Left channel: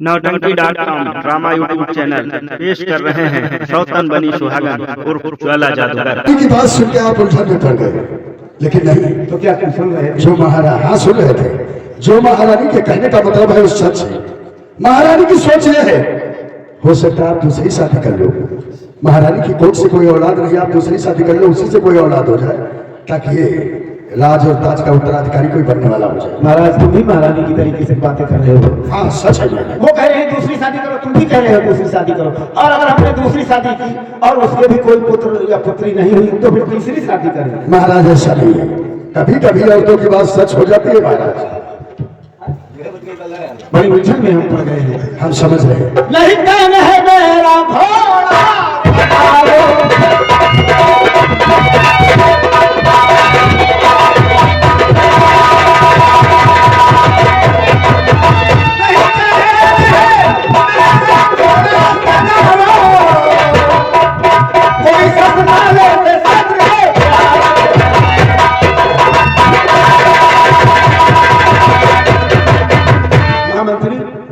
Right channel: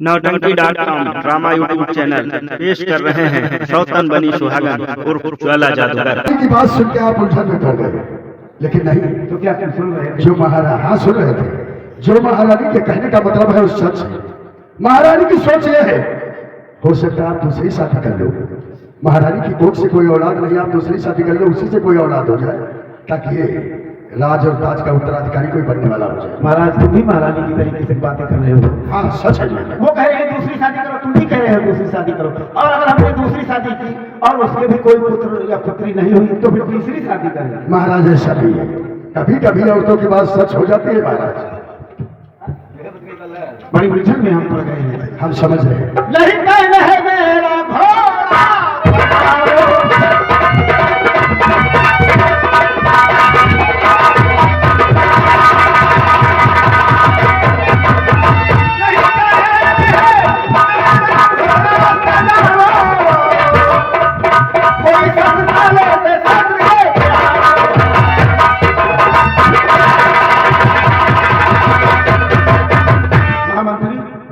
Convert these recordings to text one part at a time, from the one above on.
नौटंकी.com drama YouTube channel पेश कर रहे हैं सौतन बनी सुहागन उर्फ ज्वाला जादूगर की बात सुन के आप उलझन में पड़ गए, लेकिन नहीं तो क्या तुम सुन रहे थे? जो महाराज हाँ सुन रहे थे। जो महारानी के कहने का मतलब है उस सच है। महारानी की सोच यह है, हो सकता है आप दूसरी शादी कर लो। महारानी की कोख से कोई औलाद नहीं, आप दूसरी शादी कर लो, उसी से कोई औलाद हो जाए ताकि ये राज और ताज का उत्तराधिकारी कोई बनने वाला हो जाए। महाराज तुम भी महारानी की तरीके से बातें कर रहे हो। हाँ सच है। वो कह रहे हैं दूसरी शादी करो, तुम भी कह रहे हो दूसरी शादी करो। और अगर हमने दूसरी शादी की और उसके भी कोई पुत्र या पुत्री नहीं हुई तो फिर तीसरी शादी करें। महाराज ऐसा नहीं है, कभी कभी औरतों की बात सच हो जाती है महाराज। बड़ी उलझन में हम पड़ गए हैं। हम समझ रहे हैं। नहीं कहना है मेरा घोड़ा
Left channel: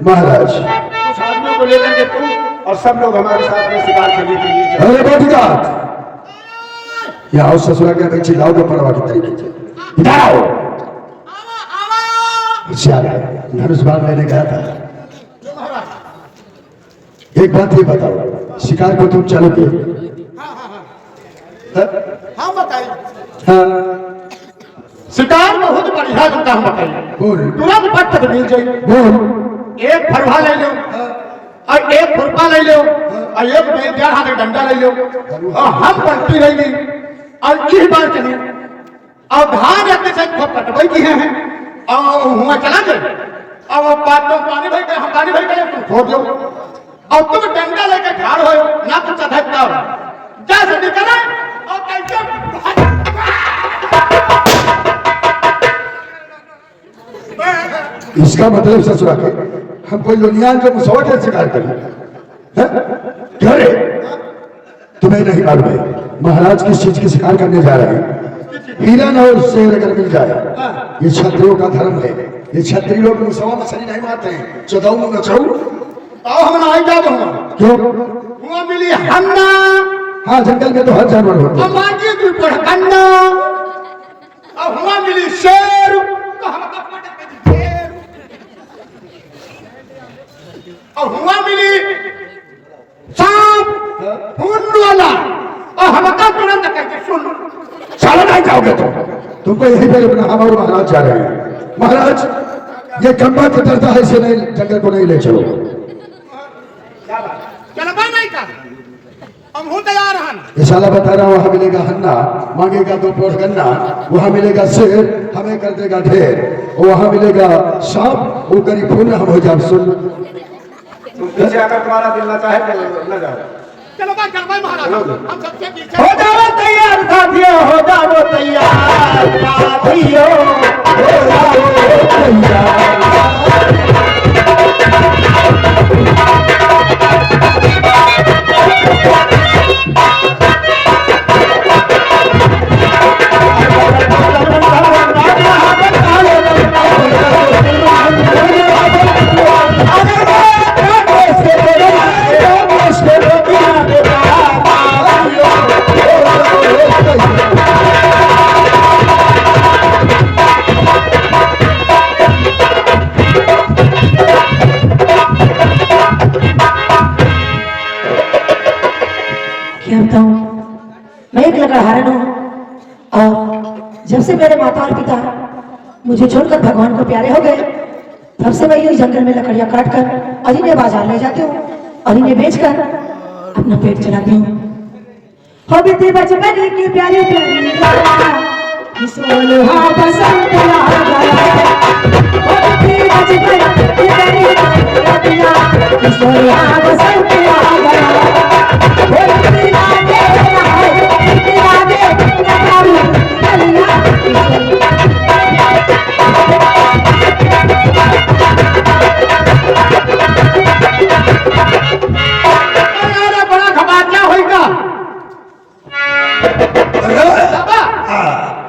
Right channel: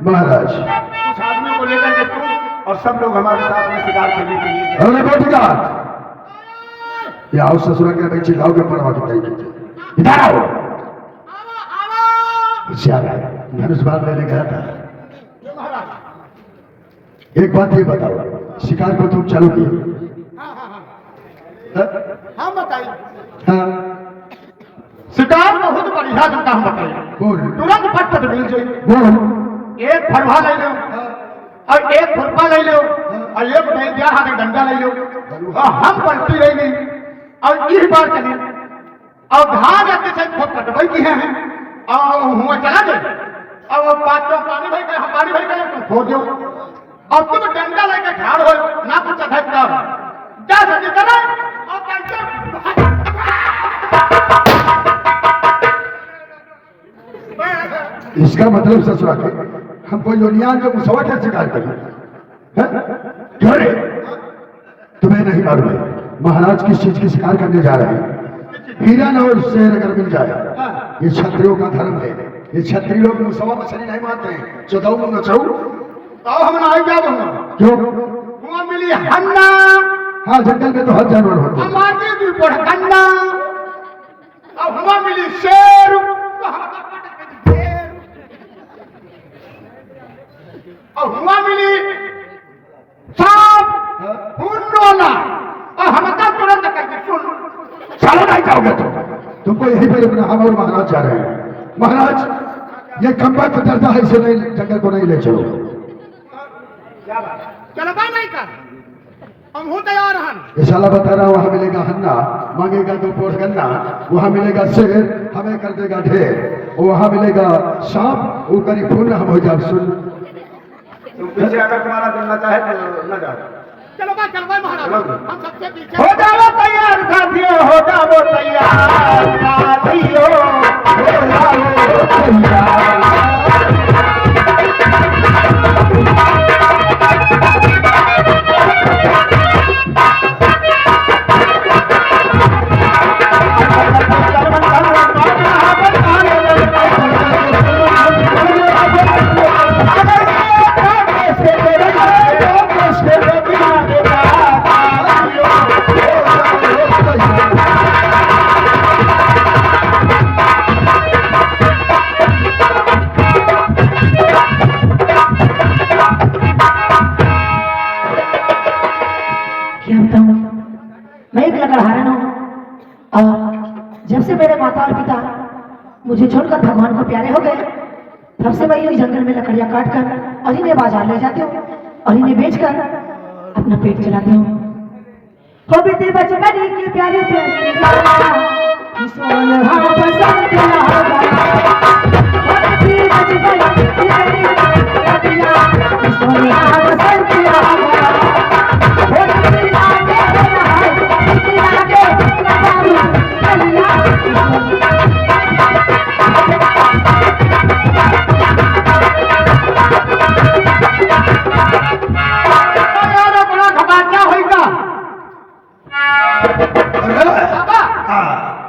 महाराज कुछ आदमियों को लेकर के तुम और सब लोग हमारे साथ में शिकार करने के लिए अरे बैठिका या आओ ससुरा के पीछे लाओगे परवा की तरीके से जाओ। होशियार है, धनुष बाण लेने गया था। एक बात ये बताओ, शिकार को तुम चलोगे? हाँ बताइए। हाँ शिकार बहुत बढ़िया तुमका हम बताइए। बोल तुरंत पट मिल जाए। बोल। एक फरवा ले लो और एक खुरपा ले लो और एक बेलदार हाथ डंडा ले लो और हम पलटी रह गई और इस बार चले और धान जाते से कटवाई की है और हुआ चला जाए और वो पानी भाई हम पानी भाई गए तुम खो दो और तुम डंडा लेके ठाड़ हो ना कुछ अधकता जैसे निकले और कैसे इसका मतलब ससुरा के हम कोई लोनियान के मुसवा के शिकार करें? क्यों रे? तुम्हें नहीं मालूम है महाराज किस चीज की शिकार करने जा रहे हैं? हिरन और शेर अगर मिल जाए, ये क्षत्रियों का धर्म है। ये क्षत्रिय लोग मुसवा मछली नहीं मारते हैं। चौदह नचऊ आओ हम ना जा दो क्यों? हुआ मिली हन्ना। हाँ जंगल में तो हर जानवर होते हैं। हमारी भी पढ़कन्ना और हुआ मिली शेर तो हम और हुआ मिली सांप खून वाला और हम तुरंत करके सुन चलो नहीं जाओगे तुमको यहीं पर अपना हम और महाराज जा रहे हैं। महाराज ये खंबा कतरता है, इसे नहीं जंगल को नहीं ले चलो। चलो भाई नहीं कर हम हूं तैयार हैं। ये साला बता रहा वहां मिलेगा हन्ना, मांगेगा 2 पोर गन्ना, वहां मिलेगा शेर, हमें कर देगा ढेर, वहां मिलेगा सांप, वो करीब खून हम हो जाए। सुन पीछे अगर तुम्हारा दिल ना चाहे तो न जाओ। चलो भाई महाराज हम सबसे पीछे हो जाओ तैयार साथियों, हो जाओ तैयार साथियों, हो जाओ तैयार। मैं एक लकड़हारन हूँ और जब से मेरे माता और पिता मुझे छोड़कर भगवान को प्यारे हो गए, तब से मैं ये जंगल में लकड़ियां काट कर और इन्हें बाजार ले जाती हूँ और इन्हें बेचकर अपना पेट चलाती हूँ। हो बीते बचपन की प्यारी प्यारी सोनहा बसंत आ गया। हो बीते बचपन की प्यारी सोनहा बसंत आ गया। बड़ा घबाचा होगा।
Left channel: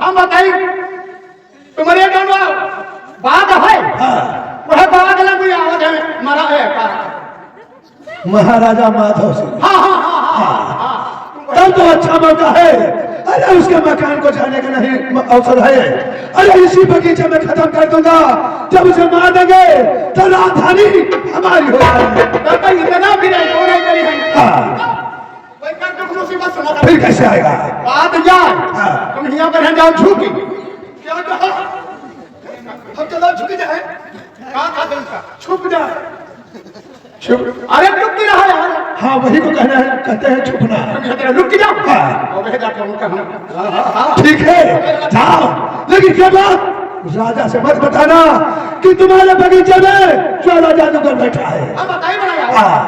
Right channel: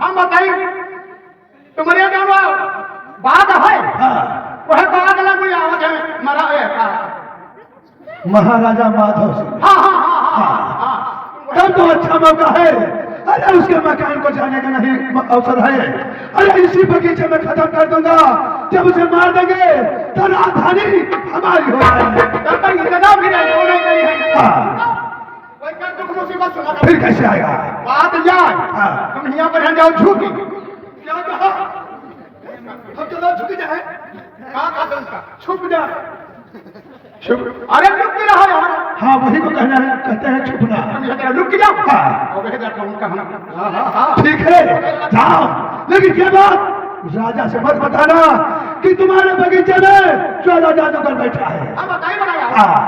हम बताइए तुम्हारे महाराजा माधव सिंह। तब तो अच्छा मौका है। अरे उसके मकान को जाने का नहीं अवसर है। अरे इसी बगीचे में खत्म कर दूंगा। जब उसे मार देंगे तो राजधानी हमारी हो जाएगी। इतना भी नहीं करी है। हाँ। मुसीबत सुना फिर कैसे आएगा? बात यार तुम यहाँ पर जाओ झुकी क्या कहा? हम चलो झुकी जाए कहा छुप जा छुप। अरे रुक नहीं रहा यार। हाँ वही तो कहना है, कहते हैं छुपना। रुक जाओ। हाँ। और वह जाकर उनका हम ठीक है जाओ, लेकिन क्या बात उस राजा से मत बताना कि तुम्हारे बगीचे में ज्वाला जादूगर बैठा है। बताइए बना यार। हाँ।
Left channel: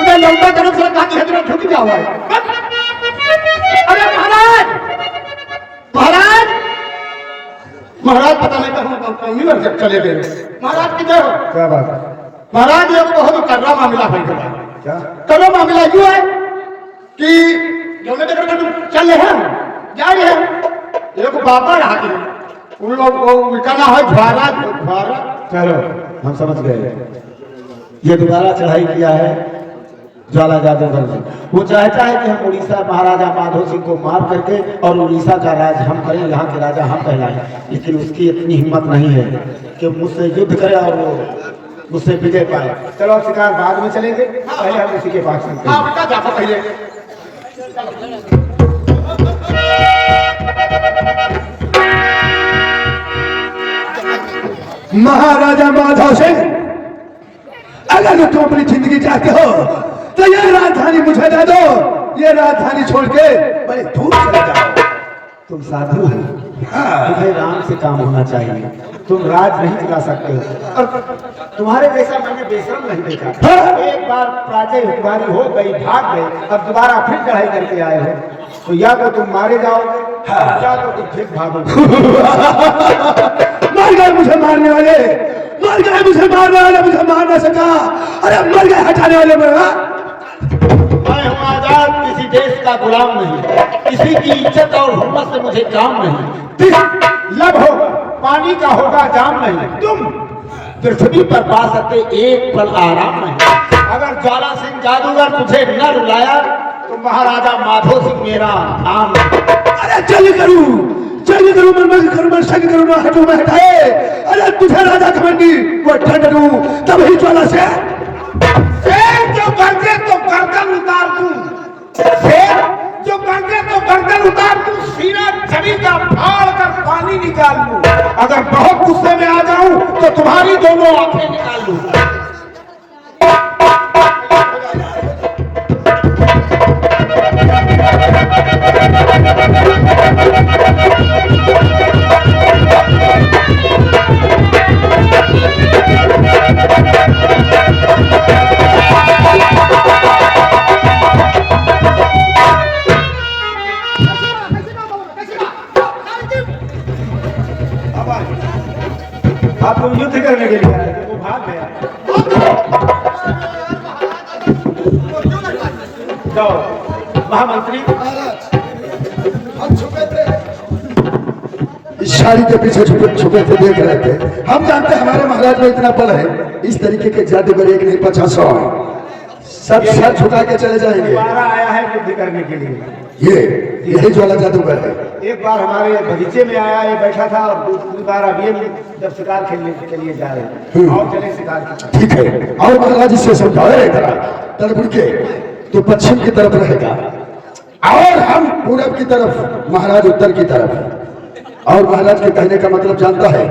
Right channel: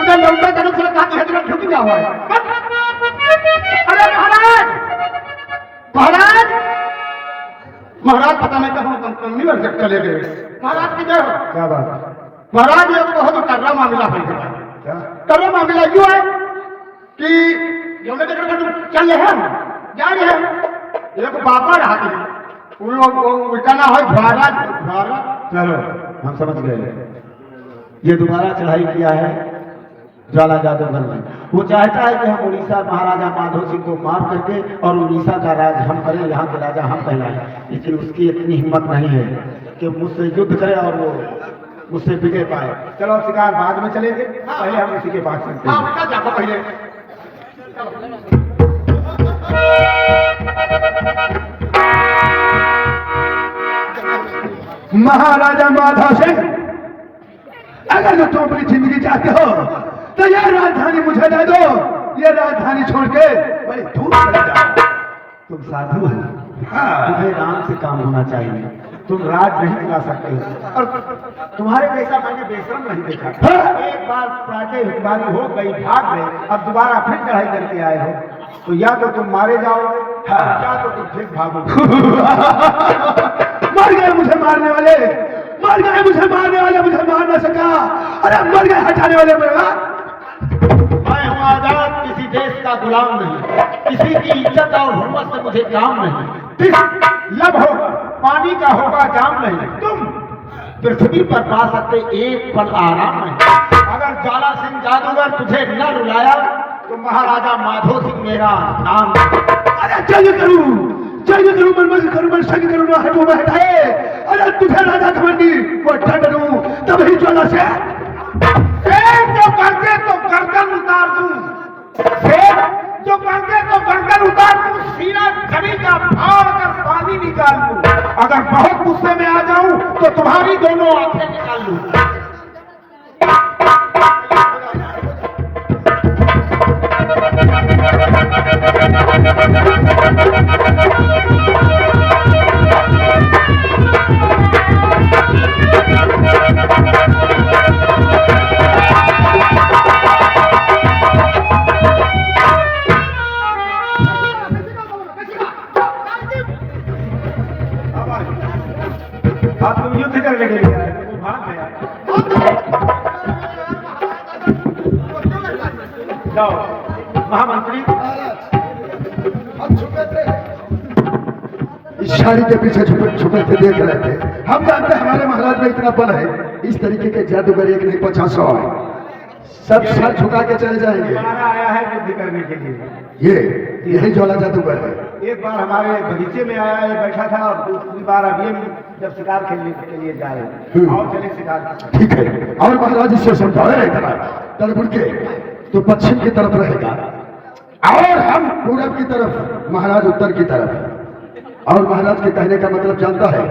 उधर लौटा तरफ से कहा कि झुक जाओ। अरे महाराज महाराज महाराज पता नहीं कहाँ चले गए। महाराज की जय हो। क्या बात है? महाराज ये तो बहुत कर्रा मामला है। क्या कर्रा मामला यूं है कि जो चल रहे हैं जा रहे हैं एक बाबा रहा उन लोग वो कहना है द्वारा द्वारा। चलो हम समझ गए। ये दोबारा चढ़ाई किया है ज्वाला जादूगर ने। वो चाहता है कि हम उड़ीसा महाराजा माधव सिंह को मार करके और उड़ीसा का राज हम करें, यहाँ के राजा हम कहलाएं। लेकिन उसकी इतनी हिम्मत नहीं है कि मुझसे युद्ध करे और वो मुझसे विजय पाए। चलो शिकार बाद में चलेंगे, पहले हम उसी के पास चलते हैं। पहले महाराजा माधव सिंह, अगर तुम अपनी जिंदगी चाहते हो तो ये राजधानी मुझे दे दो। ये राजधानी छोड़ के बड़े दूर चले जाओ। तुम साधु हो, तुम्हें राम से काम होना चाहिए। तुम राज नहीं चला सकते हो और तुम्हारे जैसा मैंने बेशरम नहीं देखा। एक बार प्राचय हुक्मरानी हो गई, भाग गए, अब दोबारा फिर चढ़ाई करके आए हो तो या तो तुम मारे जाओगे या तो तुम फिर भागोगे। मर गए मुझे मारने वाले, मर गए मुझे मारने वाले, मुझे मार ना सका। अरे मर गए हटाने वाले में। मैं हूँ आजाद, किसी देश का गुलाम नहीं, किसी की इज्जत और हुर्मत से मुझे काम नहीं। लब होगा पानी का होगा जाम नहीं। तुम पृथ्वी पर पा सकते एक पल आराम नहीं। अगर ज्वाला सिंह जादूगर तुझे न रुलाया तो महाराजा माधव सिंह मेरा नाम। अरे जल्दी करूं मन में करूं, मन संग करूं ना हटूं मैं हटाए। अरे तुझे राजा घमंडी वो ठंड दूं तब ही ज्वाला से जो करते तो गर्दन उतार दूं। जो करते तो गर्दन उतार दूं, सीना जमीन का फाड़ कर पानी निकाल लूं। अगर बहुत गुस्से में आ जाऊं तो तुम्हारी दोनों आंखें निकाल लूं। आप लोग युद्ध करने के लिए आए, वो भाग गया। जाओ महामंत्री। हम छुपे थे, इस शादी के पीछे छुपे थे, देख रहे थे। हम जानते हमारे महाराज में इतना बल है, इस तरीके के जादूगर एक नहीं 50 है। सब सर झुका के चले जाएंगे। आया है युद्ध करने के लिए। यही ज्वाला जादूगर है। एक बार हमारे बगीचे में आया, ये बैठा था और दूसरी बार अभी जब शिकार खेलने के लिए जा रहे और चले शिकार। ठीक है, और महाराज इससे समझाए तरफ के तो पश्चिम की तरफ रहेगा और हम पूरब की तरफ, महाराज उत्तर की तरफ। और महाराज के कहने का मतलब जानता है,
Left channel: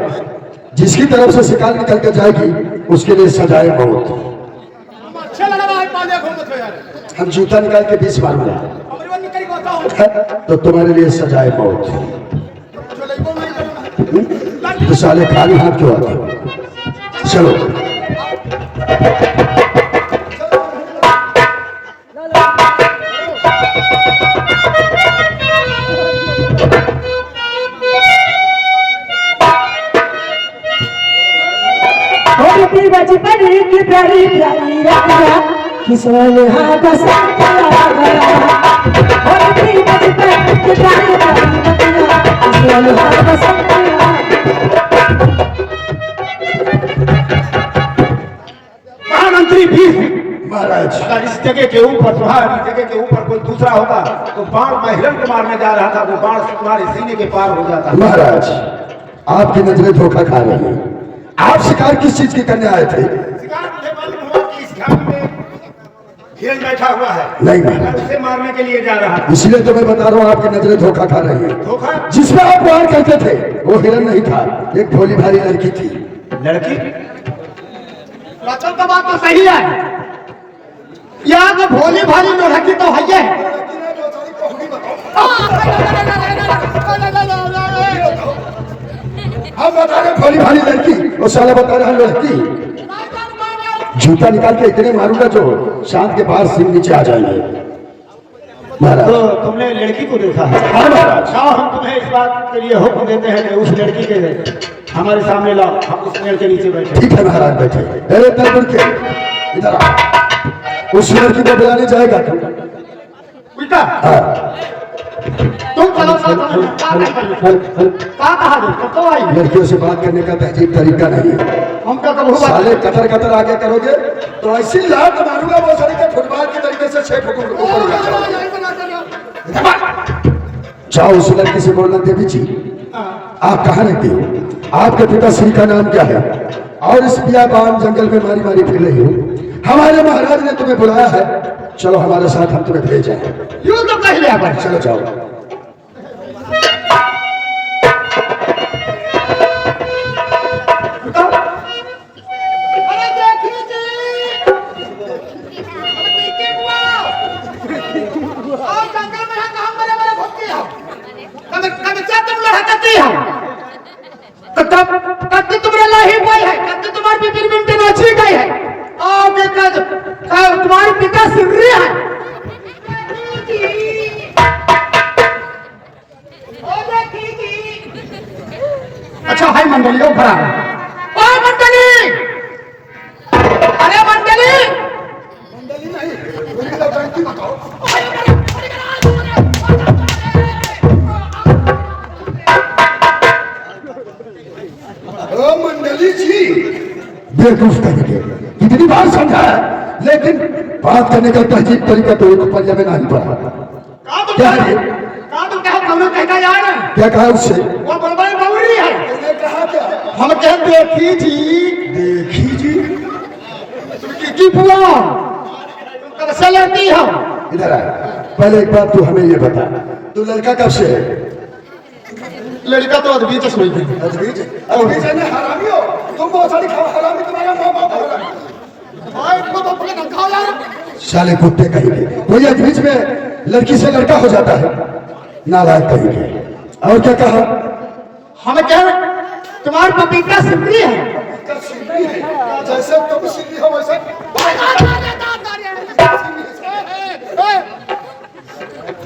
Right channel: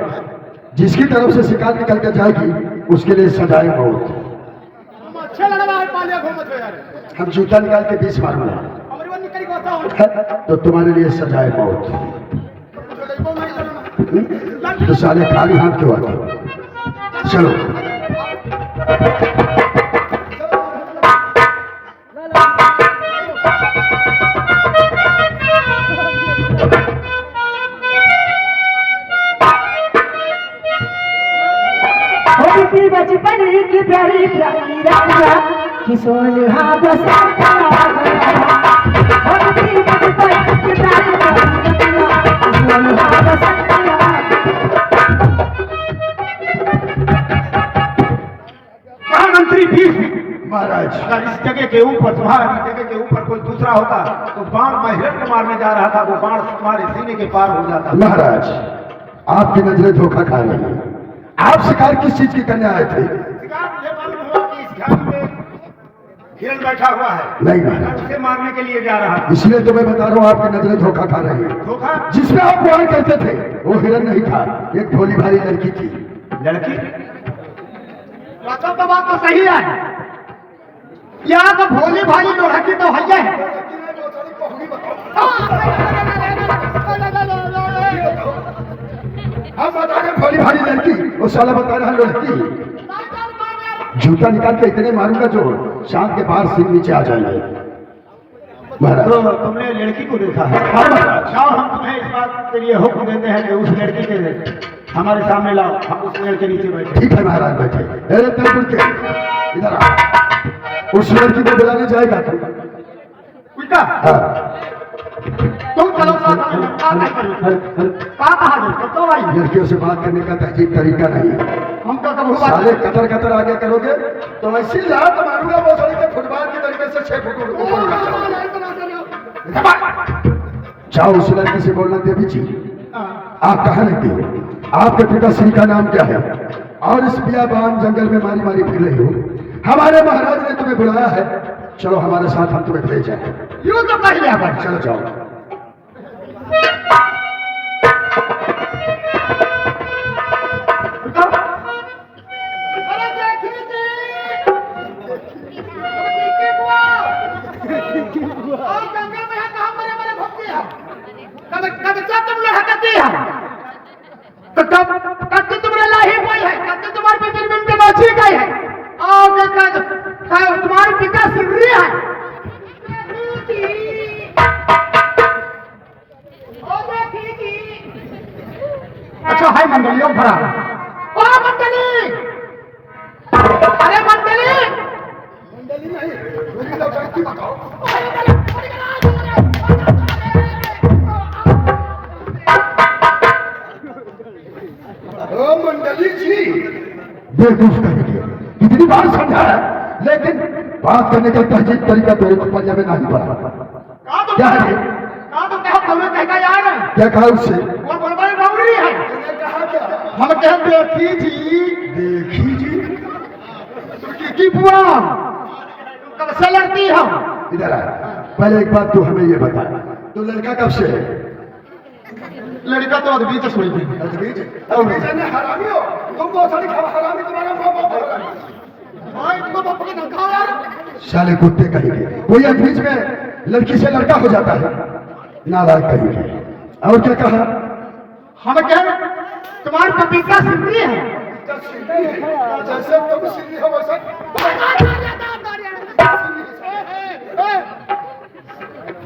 जिसकी तरफ से शिकार निकल कर जाएगी उसके लिए सजाए मौत। हम जूता निकाल के बीच मारूंगा तो तुम्हारे लिए सजाए मौत। तो साले खाली हाथ क्यों आते हो? चलो बचपन की प्यारी प्यारी राजा किशोर हाँ बसंत आ गया। बचपन की प्यारी प्यारी किशोर हाँ बसंत आ गया। इस जगह के ऊपर तुम्हारी जगह के ऊपर कोई दूसरा होता तो बाण मैं हिरण को मारने जा रहा था, वो बाण तुम्हारे सीने के पार हो जाता। महाराज आपकी नजरें धोखा खा रही हैं। आप शिकार किस चीज की करने आए थे? शिकार मुझे मालूम हुआ कि इस घाट में हिरण बैठा हुआ है, नहीं मैं महाराज, उसे मारने के लिए जा रहा था। इसलिए तो मैं बता रहा हूँ आपकी नजरें धोखा खा रही हैं। धोखा? जिसमें आप वार करते थे वो हिरण नहीं था, एक भोली भाली लड़की थी। लड़की? तो बात तो सही है, यहाँ तो भोली भाली लड़की तो है। हम बता रहे भोली भाली लड़की, वो साला बता रहा लड़की। जूता निकाल के इतने मारूंगा जो शांत के पास सिर नीचे आ जाएंगे। महाराज तो तुमने लड़की को देखा है? हाँ महाराज। हाँ, हम तुम्हें इस बात के लिए हुक्म देते हैं कि उस लड़की के हमारे सामने लाओ, हम उस पेड़ के नीचे बैठे। ठीक है महाराज, बैठे। अरे तरबुल के इधर आ। उस लड़की को बुलाने जाएगा तू? उल्टा हाँ। तुम चलो तो आई। लड़कियों से बात करने का तहजीब तरीका नहीं है। हम क्या कब साले कतर कतर आगे करोगे तो ऐसी लात मारूंगा वो साले के फुटबॉल के तरीके से 6 फुट ऊपर उड़ जाएगा। जाओ उस लड़की से बोलना, देवी जी आप कहाँ रहती हो? आपके पिताश्री का नाम क्या है? और इस बियाबान जंगल में मारी मारी फिर रही हो। हमारे महाराज ने तुम्हें बुलाया है, चलो हमारे साथ, हम तुम्हें भेजे हैं। यूं तो कह लिया पर चलो जाओ। अरे देखिए जी, और जंगल में है कहाँ बड़े बड़े भक्ति है, कब क्या तुम लोग हकती हो? कब तुम्हारे लाही भाई है, कब तुम्हारी पिपिर मिनट नाची गई है, आगे तुम्हारी पिता सिमरी है। अच्छा है मंडलियों भरा ओ मंडली, अरे मंडली, मंडली नहीं बताओ। मंडली जी बेवकूफ करेंगे, कितनी बार समझा लेकिन बात करने का तहजीब तरीका तो एक ऊपर जगह नहीं पड़ा। क्या है? क्या कहा उससे? वो बड़बड़ बावरी है। हम कहते हैं देखी जी, देखी जी की बुआ कब से लड़ती हो? इधर आ। पहले एक बात तू हमें ये बता, तू लड़का कब से है? लड़का तो अदबी से सोई थी। अदबीज है ना, हरामी हो तुम, बहुत सारी हरामी, तुम्हारा माँ बाप हरामी। साले कुत्ते कहेंगे, कोई अदबीज में लड़की से लड़का हो जाता है, नालायक कहेंगे। और क्या कहा? हम कह तुम्हारे पपीता सिमरी है, जैसे तुम सिमरी हो वैसे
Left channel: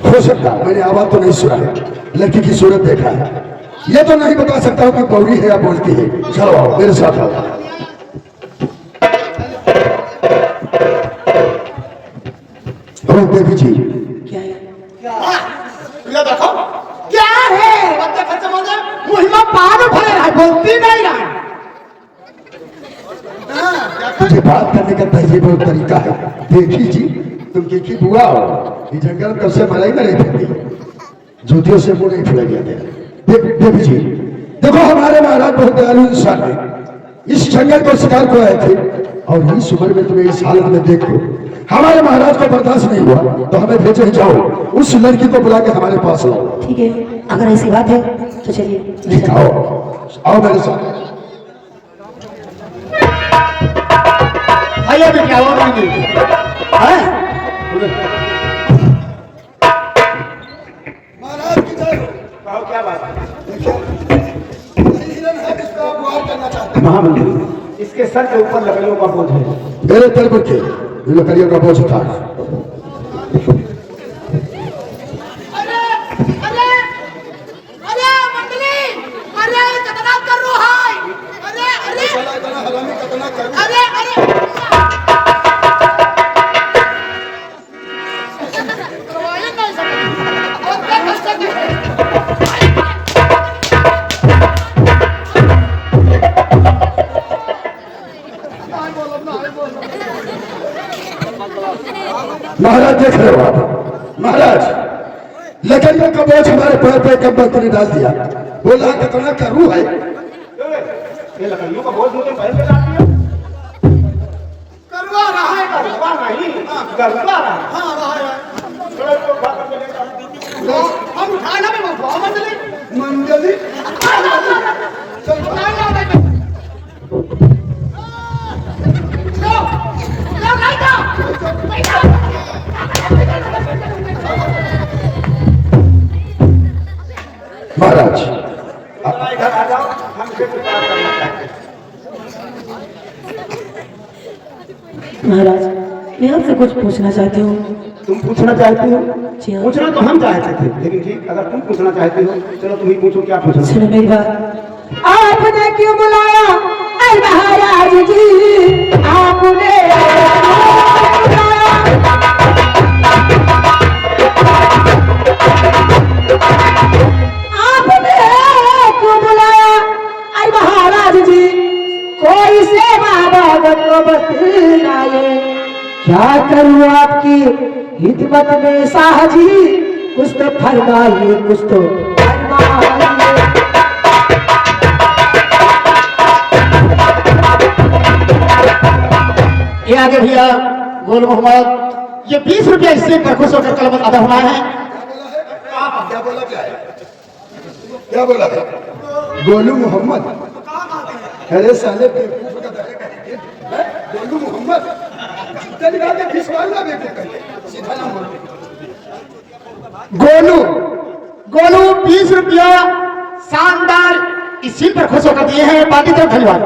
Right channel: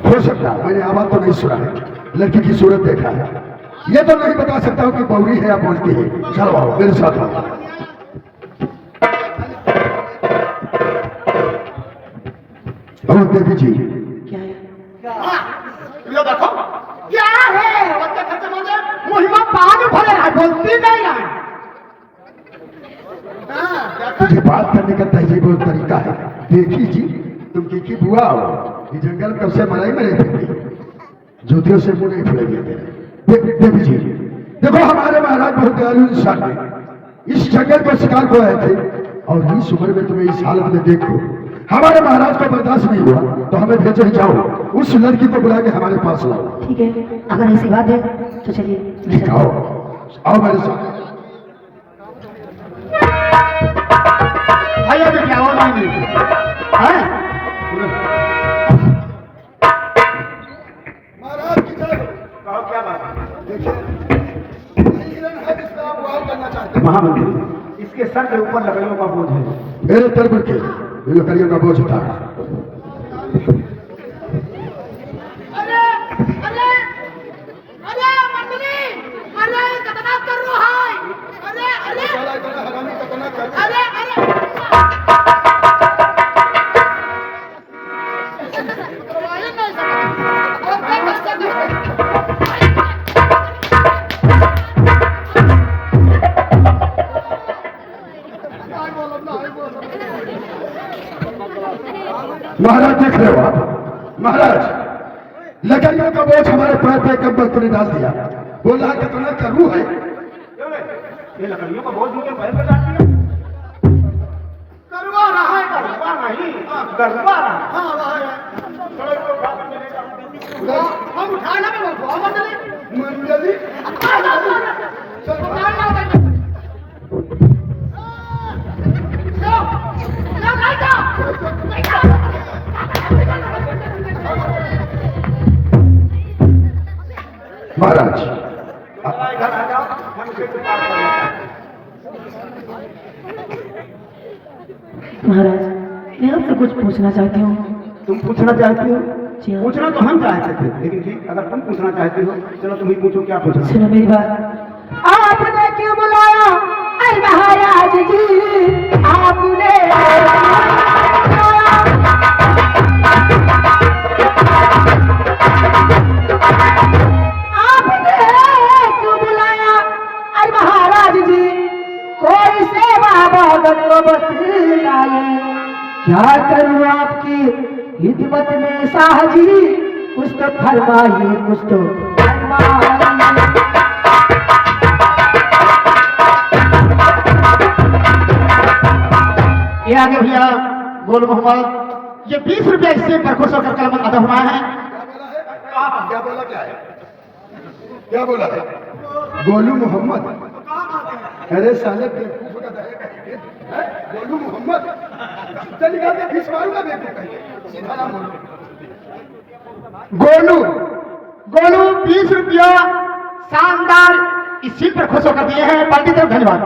हो सकता है। मैंने आवाज तो नहीं सुना है, लड़की की सूरत देखा है, ये तो नहीं बता सकता हूँ कि बौरी है या बोलती है। चलो आओ मेरे साथ आओ। देवी जी क्या है? ये देखो क्या है, बच्चे खर्चे बोले मुहिमा पान भरे रहा, बोलती नहीं रहा। तुझे बात करने का तहजीब और तरीका है। देखी जी तुम की बुआ हो, ये जंगल में कब से मलाई में नहीं फिरती, जूतियों से मुंह नहीं फुलेंगे। देवी जी देखो, हमारे महाराज बहुत दयालु इंसान है। इस जंगल को शिकार को आए थे और इस उम्र में तुम्हें इस हालत में देखो, हमारे महाराज को बर्दाश्त नहीं हुआ तो हमें भेजे, जाओ उस लड़की को बुला के हमारे पास लाओ। ठीक है, अगर ऐसी बात है तो चलिए। ठीक, आओ आओ मेरे साथ। भैया भी क्या और नहीं है? महाराज की जय हो। कहो क्या बात है? देखिए हिरण है जिसका आप वार करना चाहते हैं। महामंत्री, इसके सर के ऊपर लकड़ियों का बोझ है। मेरे तरफ के लकड़ियों का बोझ उठा। अरे अरे अरे मंडली, अरे कितना कर रहा है? अरे अरे हरामी कितना कर अरे अरे करवाइए नहीं सकते और क्या कर सकते हैं? महाराज देख रहे हो आप, महाराज लकड़ियों का बोझ हमारे पैर पे कब तुमने डाल दिया। बोला कितना करूँ है, ये लकड़ियों का बोझ मुझे पैर पे डाल दिया। करवा रहा है, करवा नहीं, करवा रहा है। हाँ रहा है। हम उठाना में बंधवा मंडली मंडली चल उठाना भाई। महाराज इधर आ जाओ, हमसे कुछ बात करना है। महाराज मैं आपसे कुछ पूछना चाहती हूँ। तुम पूछना चाहती हो? जी हाँ। पूछना तो हम चाहते थे, लेकिन ठीक अगर तुम पूछना चाहती हो चलो तुम ही पूछो, क्या पूछना। सुनो मेरी बात, आपने क्यों बुलाया ऐ महाराज जी, आपने क्यों बुलाया ऐ महाराज जी, कोई सेवा बाबत को बतलाइए, क्या करूँ आपकी हिदमत में शाह जी, कुछ तो फरमाइए, कुछ तो फरमाइए। ये आगे भैया गोल मोहम्मद, ये 20 रुपया इससे खुश होकर कलम अदा हुआ है। क्या बोला, क्या बोला है गोलू मोहम्मद। अरे साले बेवकूफ का दहेगा है, गोलू मोहम्मद चल गा के खिसवाऊंगा बेवकूफ कह, सीधा नाम बोल। गोलू गोलू 20 रुपया शानदार इस सीट पर खुश होकर दिए हैं। बाकी तरफ धन्यवाद।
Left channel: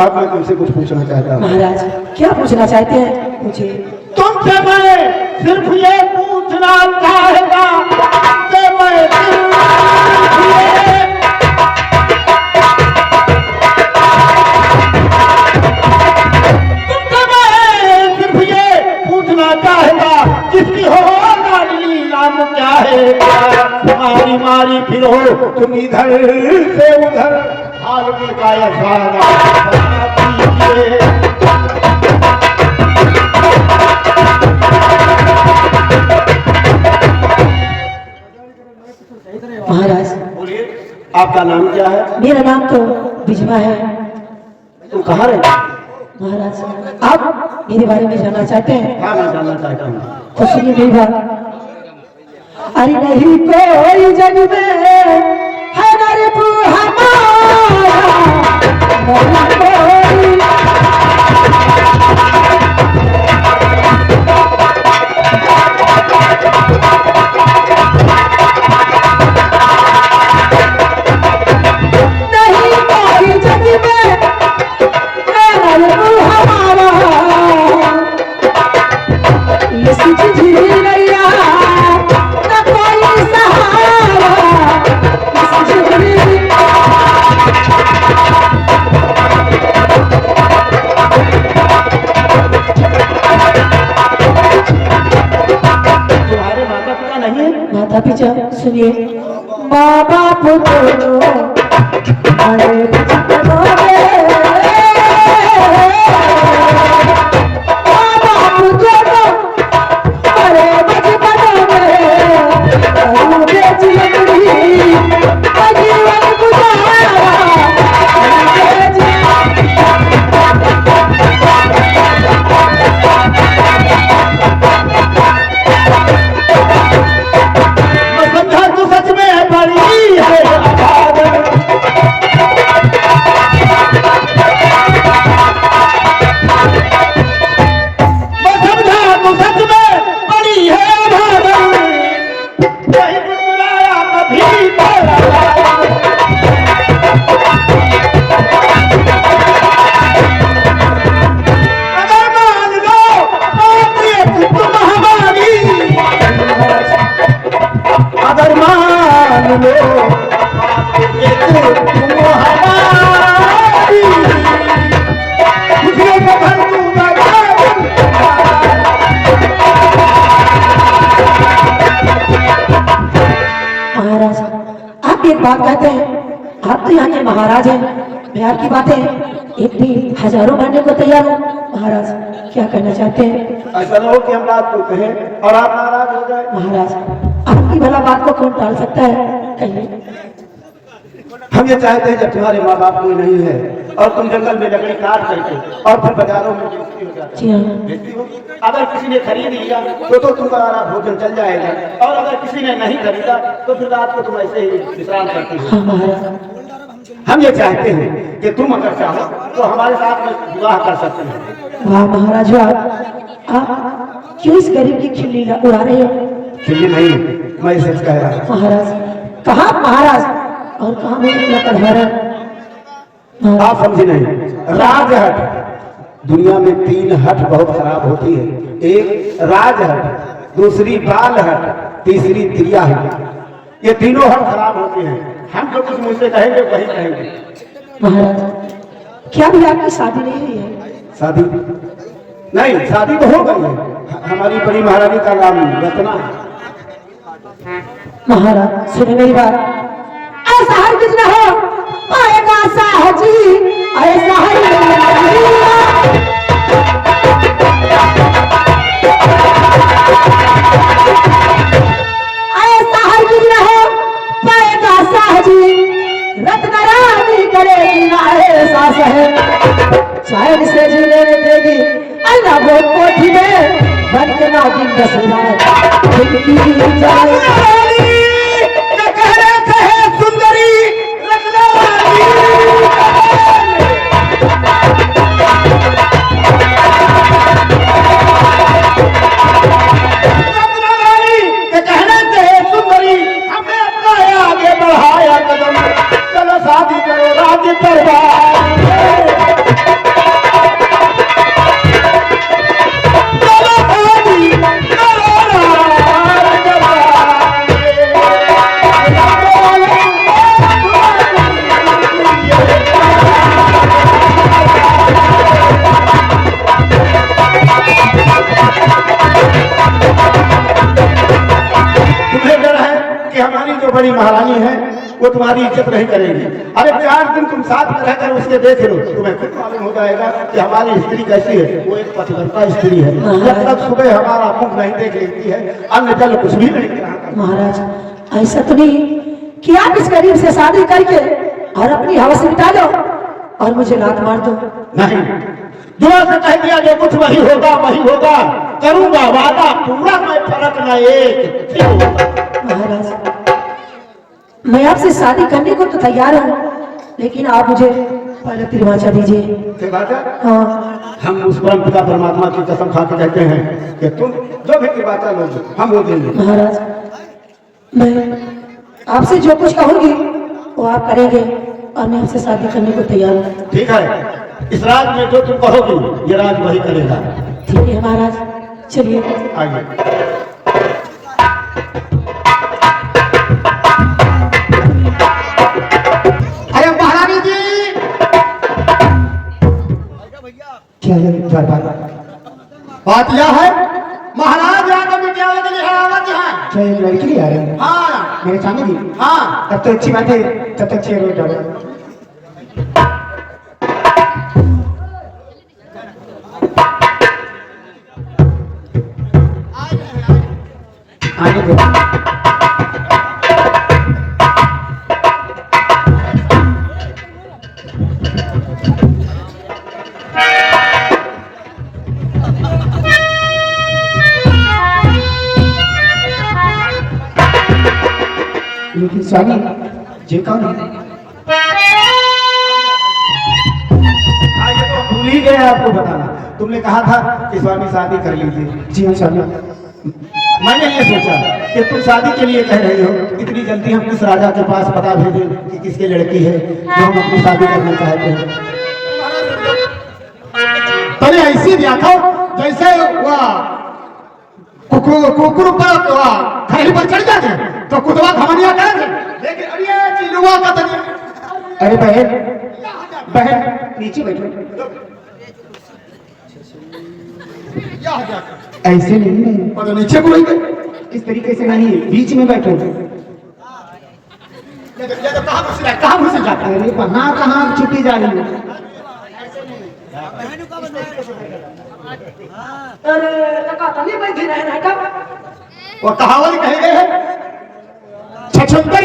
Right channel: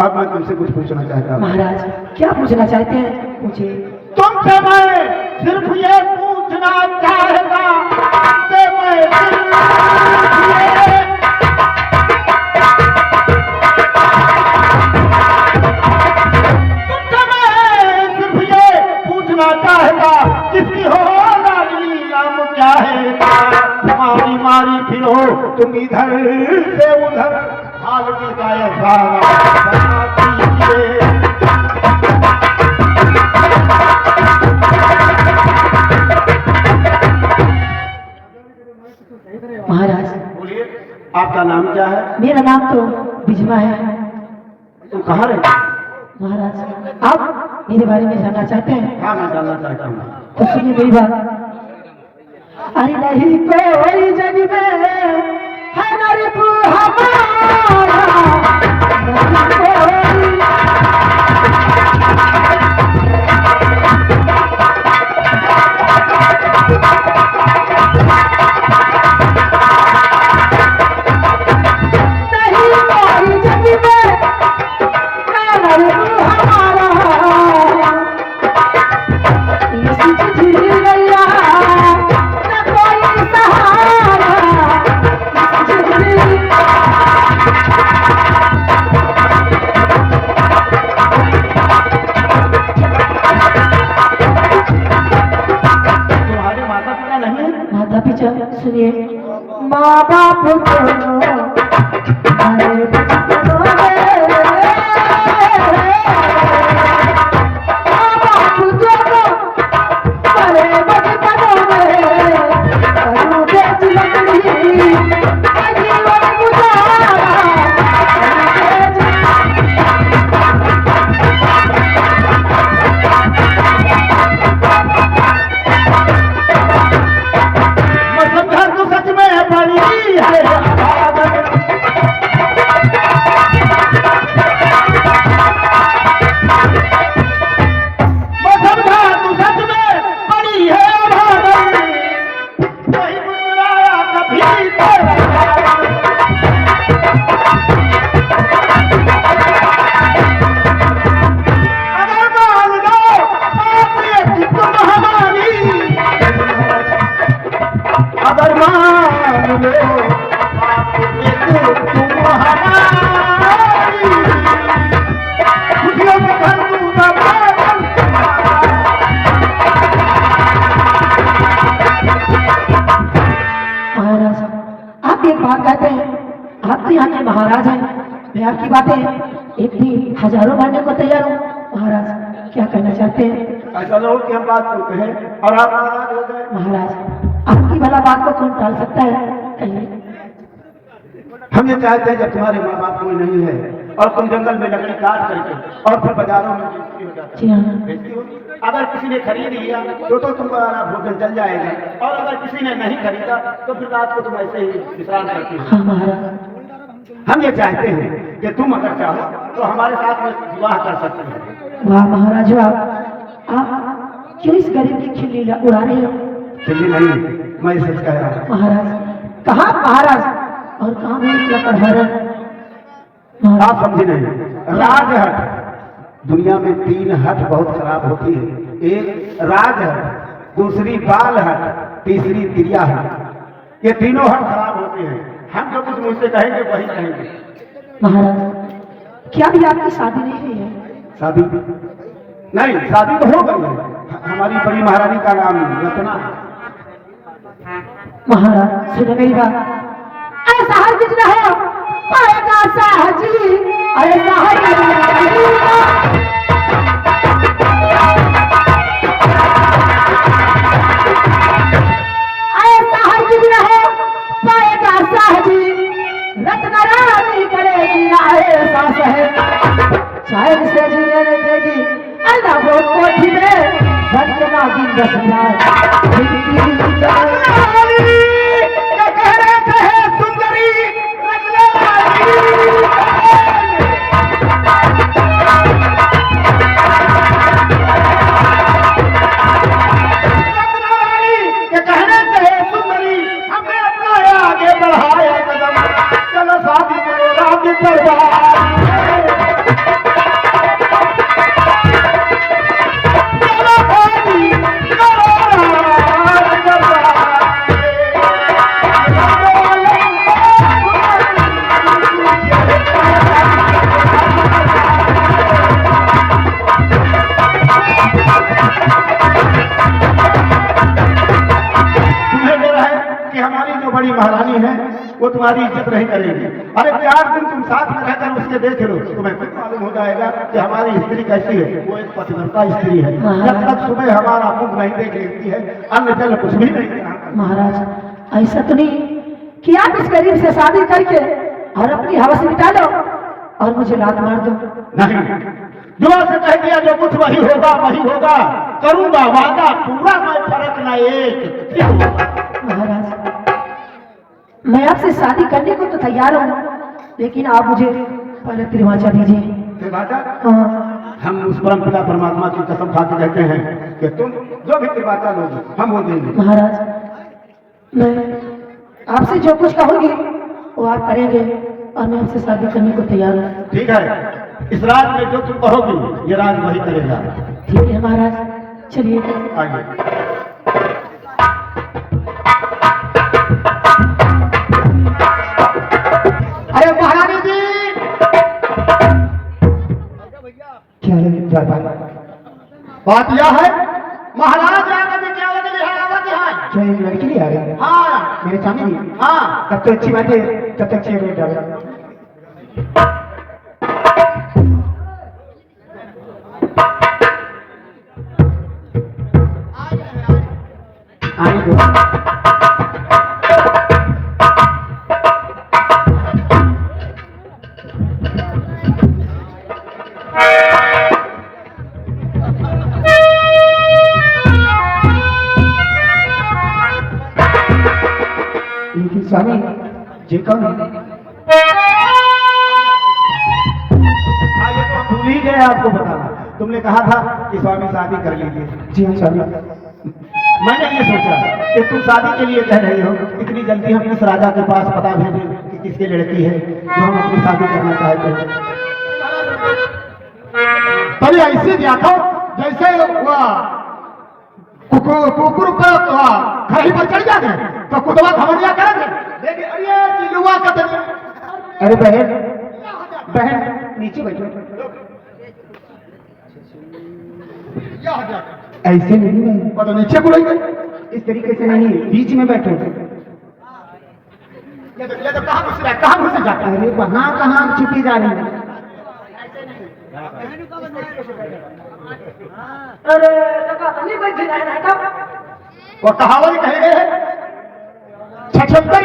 अब मैं तुमसे कुछ पूछना चाहता हूँ। महाराज क्या पूछना चाहते हैं, पूछिए। तुमसे मैं सिर्फ ये पूछना चाहता, तुमसे मैं सिर्फ ये पूछना चाहता, किसकी हो लाडली नाम क्या है, मारी मारी फिरो तुम इधर से उधर, हाल में गाया महाराज बोलिए, आपका नाम क्या है? मेरा नाम तो बिजवा है। तुम कहाँ रहते? महाराज आप मेरे बारे में जानना चाहते हैं? हाँ मैं जानना चाहता हूँ। तो सुनिए मेरी बात। अरे नहीं कोई जग में है नरप हमारा, नहीं कोई जग में है नरप हमारा, इसी झील नैया न कोई सहारा, इसी झील तुम्हारे माता पिता नहीं है? माता पिता सुनिए, माँ बाप दोनों बड़े बचपनों में, माँ बाप दोनों बड़े बचपनों में, करूँ बेच लकड़ी का जीवन गुजारा, करूँ मैं समझा तू सच में बड़ी है अभागन। मैं समझा तू सच में बड़ी है अभागन, नहीं बुलाया कभी तेरा नाम। अगर मान लो बात ये तुम हमारी, अगर मान लो ये तुम हमारी, खुशियों में भर दूंगा बादल। महाराज आप एक बात कहते हैं, आप तो यहाँ के महाराज हैं, मैं आपकी बातें एक भी हजारों मानने को तैयार हूँ, महाराज क्या कहना चाहते हैं? ऐसा न हो कि हम बात को कहें और आप नाराज हो जाए। महाराज आपकी भला बात को कौन टाल सकता है, कहिए। हम ये चाहते हैं जब तुम्हारे माँ बाप कोई नहीं है और तुम जंगल में लकड़ी काट करके और फिर बाजारों में बेचती हो जाती जी हाँ बेचती हो, अगर किसी ने खरीद लिया तो तुम्हारा भोजन चल जाएगा, और अगर किसी ने नहीं खरीदा तो फिर रात को तुम ऐसे ही विश्राम करती हो। हाँ महाराज। हम ये चाहते हैं कि तुम अगर चाहो तो हमारे साथ में विवाह कर सकते हैं। वाह महाराज वाह, आप क्यों इस गरीब की खिल्ली उड़ा रहे हो? चलिए नहीं, मैं सच कह रहा हूँ। महाराज कहाँ महाराज और कहाँ मेरे लकड़हारा? आप समझे नहीं, राजहट दुनिया में 3 हट बहुत खराब होती है। एक राजहट, दूसरी बाल हट, तीसरी त्रिया हट। ये तीनों हट खराब होते हैं। हम जो कुछ मुझसे कहेंगे वही कहेंगे। महाराज क्या भी आपकी शादी नहीं हुई है? शादी नहीं, शादी तो हो गई है। हमारी बड़ी महारानी का नाम रत्ना है। महाराज सुने मेरी बात, ऐसा हर किस न हो पाएगा साहजी, ऐसा हर किस न हो पाएगा साहजी, रत्न रानी करेगी ऐसा है, शायद से जीने देगी अल्लाह वो कोठी में बन के नागिन बसना शादी करो राज दरबार। तुम्हें डर है कि हमारी जो बड़ी महारानी है वो तुम्हारी इज्जत नहीं करेगी। अरे 4 दिन तुम साथ में रहकर उसके देख लो, तुम्हें खुद मालूम हो जाएगा कि हमारी स्त्री कैसी है। वो एक पतिव्रता स्त्री है। जब तक सुबह हमारा मुख नहीं देख लेती है अन्न जल कुछ भी नहीं। महाराज ऐसा तो नहीं कि आप इस गरीब से शादी करके और अपनी हवस मिटा दो और मुझे लात मार दो। नहीं, जुआ से कह दिया जो कुछ वही होगा वही होगा, करूंगा वादा पूरा, मैं फर्क न एक। महाराज मैं आपसे शादी करने को तो तैयार हूँ, लेकिन आप मुझे पहले त्रिवाचा दीजिए। हाँ हम उस परम पिता परमात्मा की कसम खा के कहते हैं कि तुम जो भी त्रिवाचा लोगे हम वो देंगे। महाराज मैं आपसे जो कुछ कहूंगी वो आप करेंगे और मैं आपसे शादी करने को तैयार हूँ। ठीक है, इस राज में जो तुम कहोगी ये राज वही करेगा। ठीक है महाराज, चलिए आइए। बात यह है महाराज यहाँ विद्यालय के लिए आवत है। क्या एक लड़की ले आ रहे हैं? हाँ मेरे सामने भी? हाँ, तब तो अच्छी बात है, तब तक चेयर हो जाओ। आने दो। लेकिन स्वामी जी कौन है? हाँ, ये तो भूल ही गए आपको बताना। तुमने कहा था कि स्वामी शादी कर लीजिए। जी हाँ स्वामी। मैंने ये सोचा कि तुम शादी के लिए कह रही हो, इतनी जल्दी हम किस राजा के पास पता भेजें कि किसकी लड़की है जो हम अपनी शादी करना चाहते हैं। तो ऐसे देखो जैसे कुकुर खड़ी पर चढ़ जाते तो कुतवा घमनिया करेंगे, लेकिन अरे चिलुआ का तनिया। अरे बहन बहन नीचे बैठो। ऐसे नहीं है, तो नीचे को नहीं, इस तरीके से नहीं, बीच में बैठो। ये तो कहाँ घुस जाता है? अरे वहाँ कहाँ छुट्टी जा रही है? इस तरीके से बैठेगा। अरे टका नहीं बैठी रहे ना, वो कहावत कहे गए छछंतर